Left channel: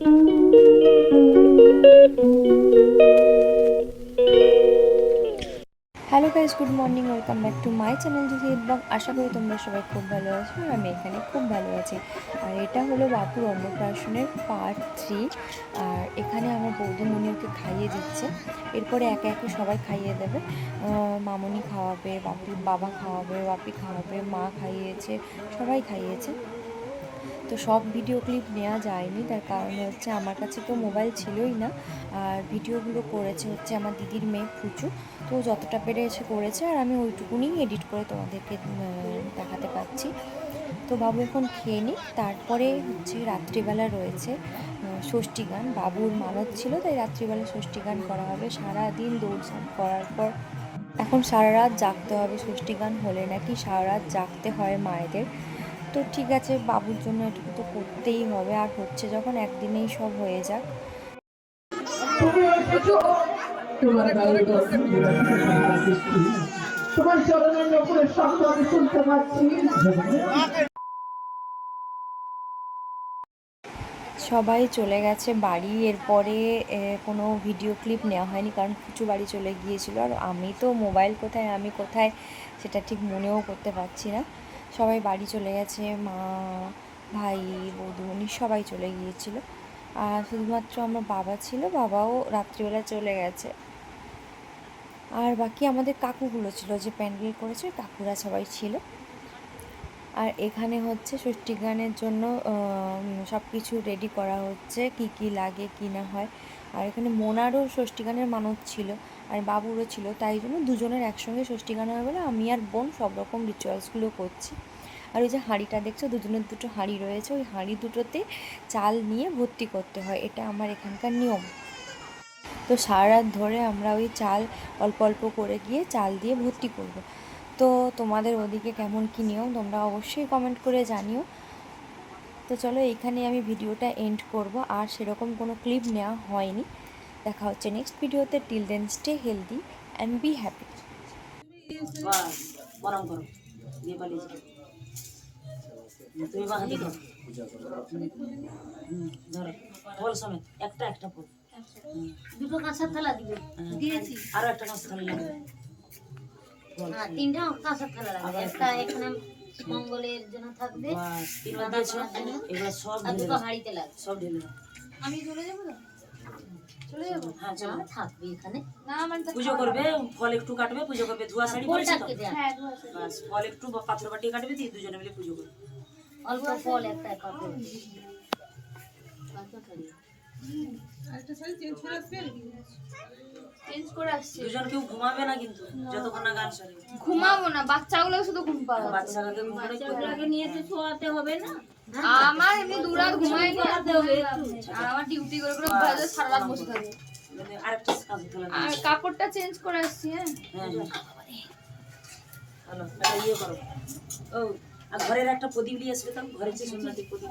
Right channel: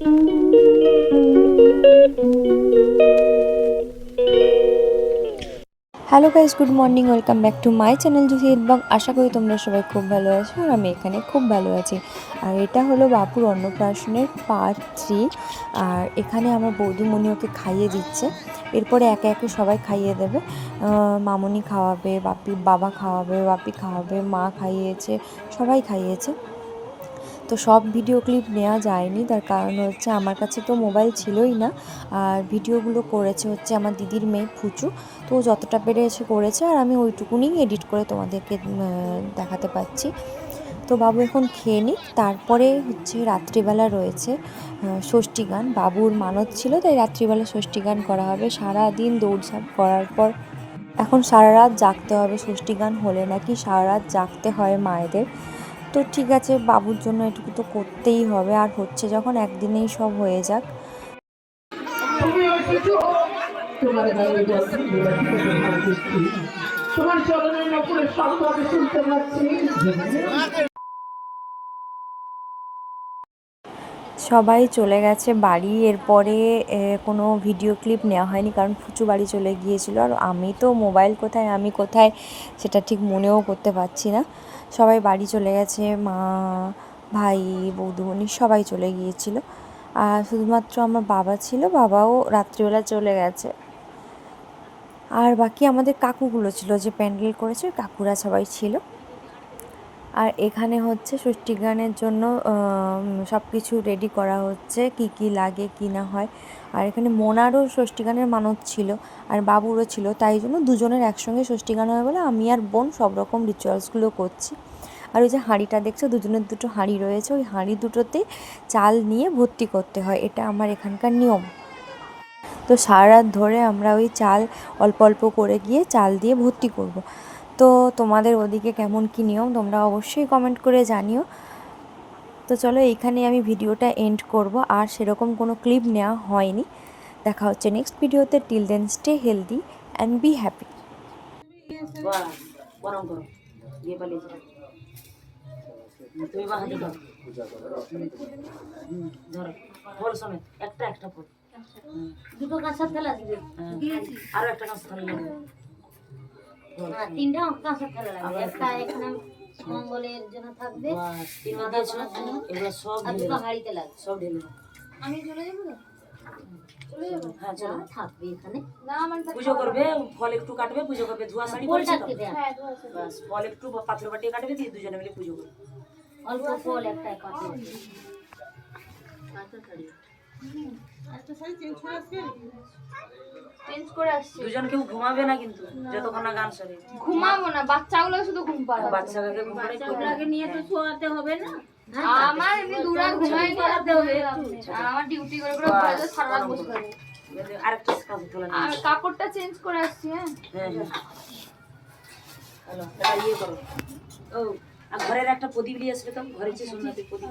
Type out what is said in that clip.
Hello guys, good morning, welcome back to my channel Juhi এবং আশা করি তোমরা সবাই খুব ভালো আছো আর আমি এখানে খুব ভালো আছি। আর এটা হলো বাপুর অন্নপ্রাশনের পার্ট 3। আর এখানে আমার বৌদিমণি ওকে খাইয়ে দিচ্ছে, এরপরে একে একে সবাই খাইয়ে দেবে। মামনি খাওয়াবে, বাপির বাবা খাওয়াবে, বাপি খাওয়াবে, মা খাইয়েছে, সবাই খাইয়েছে। তো সব ভিডিও ক্লিপ নেওয়া যায়নি, তার কারণ হচ্ছে আমার কাছে তো মোবাইল ছিলই না। আর ভিডিওগুলো করেছে হচ্ছে আমার দিদির মেয়ে ফুচু, তো যতটা পেরেছে করেছে আর আমি ওইটুকুনি এডিট করে তোমাদেরকে দেখাতে পাচ্ছি। তো বাবু এখন খেয়ে নিক, তারপরে হচ্ছে রাত্রিবেলা রয়েছে ষষ্ঠী গান। বাবুর মানত ছিল, তাই রাত্রিবেলা ষষ্ঠী গান করা হবে। সারাদিন দৌড়ঝাঁপ করার পর এখন সারা রাত জাগতে হবে। ষষ্ঠী গান হলে নাকি সারা রাত জাগতে হয় মায়েদের। তো ঠিক আছে, বাবুর জন্য এটুকু তো করতেই হবে, আর হচ্ছে যখন একদিনেই সব হয়ে যাক। সবাই চলে গেছে বাড়ি, এরপরে কোনো ভিডিও ক্লিপ নেওয়া হয়নি কারণ ফুচু বাড়ি চলে গিয়েছিল। আর আমি তো মোবাইল কোথায়, আমি কোথায় সেটা ঠিক মনেও করতে পারছি না। সবাই বাড়ি চলে গেছে, মা, ভাই, বৌদিমণি সবাই চলে গিয়েছিল। আর শুধুমাত্র আমার বাবা ছিল, বাবাও রাত্রিবেলা চলে গেছে। আর বাকি আমাদের কাকুগুলো ছিল যে প্যান্ডেল করেছে, কাকুরা সবাই ছিল। আর এখানে হচ্ছে ষষ্ঠী গানের জন্য সব কিছু রেডি করা হচ্ছে, কি কি লাগে কি না হয়। আর এখানে মোনারও ষষ্ঠী গানের মানত ছিল আর বাবুরও ছিল, তাই জন্য দুজনের একসঙ্গে ষষ্ঠী গান হবে বলে আমি আর বোন সব রকম রিচুয়ালসগুলো করছি। আর ওই যে হাঁড়িটা দেখছো, দুজনের দুটো হাঁড়ি রয়েছে, ওই হাঁড়ি দুটোতে চাল নিয়ে ভর্তি করতে হয়, এটা আমার এখানকার নিয়ম। তো সারা রাত ধরে আমরা ওই চাল অল্প অল্প করে গিয়ে চাল দিয়ে ভর্তি করব। তো তোমাদের ওদিকে কেমন কী নিয়ম তোমরা অবশ্যই কমেন্ট করে জানিও। তো চলো এইখানে আমি ভিডিওটা এন্ড করব, আর সেরকম কোনো ক্লিপ নেওয়া হয়নি। দেখা হচ্ছে নেক্সট ভিডিওতে। Till then stay healthy and be happy. তুমি বাহাতে দাও ধরো ফল সমেত একটা একটা ফল দুটো কাঁচা থালা দিবে দিয়েছি আরো একটা কাঁচা থালা লাগবে তিনটা কাঁচা থালা লাগবে একটা এখানে মঙ্গলের জন্য থাকবে তিনটা দিয়েছো এগুলো সব ঢেলে দাও হাড়িতে লাগবে সব ঢেলে দাও আমি চলে যাব না চলে যাব হ্যাঁ চলো থাকবে এখানে না মানে পূজা করবে ফল একটু কাটবে পূজা করবে ধোয়া শাড়ি পরেছে তো হ্যাঁ বাস ফল একটু পাত্র বাটি কাটবে দিয়ে দুজনে মিলে পূজা করবে অল্প ফল একটা কাটবে কাঁচা শাড়ি একটা শাড়ি চেঞ্জ করে আসছে দুজন কেউ ঘুমাবে না কিন্তু যতক্ষণ না গান শুনে ঘুমাবো না বাচ্চাগুলো শুধু ঘুম পাড়াবে বাচ্চাগুলোকে নিয়ে তো শোয়াতে হবে না আমার এমনি দুরা ঘুমাই নিতে হবে আমার ডিউটি করে করে বাজে সারা রাত বসে থাকবে আরেকটা কাজ তোলা আর কাপড়টা চেঞ্জ করে আসছি হ্যাঁ হ্যালো এটা ইয়ে করো ও আর ঘরের একটা প্রদীপ নিয়ে আসবে তো ঘরে যে সোনাতে প্রদীপ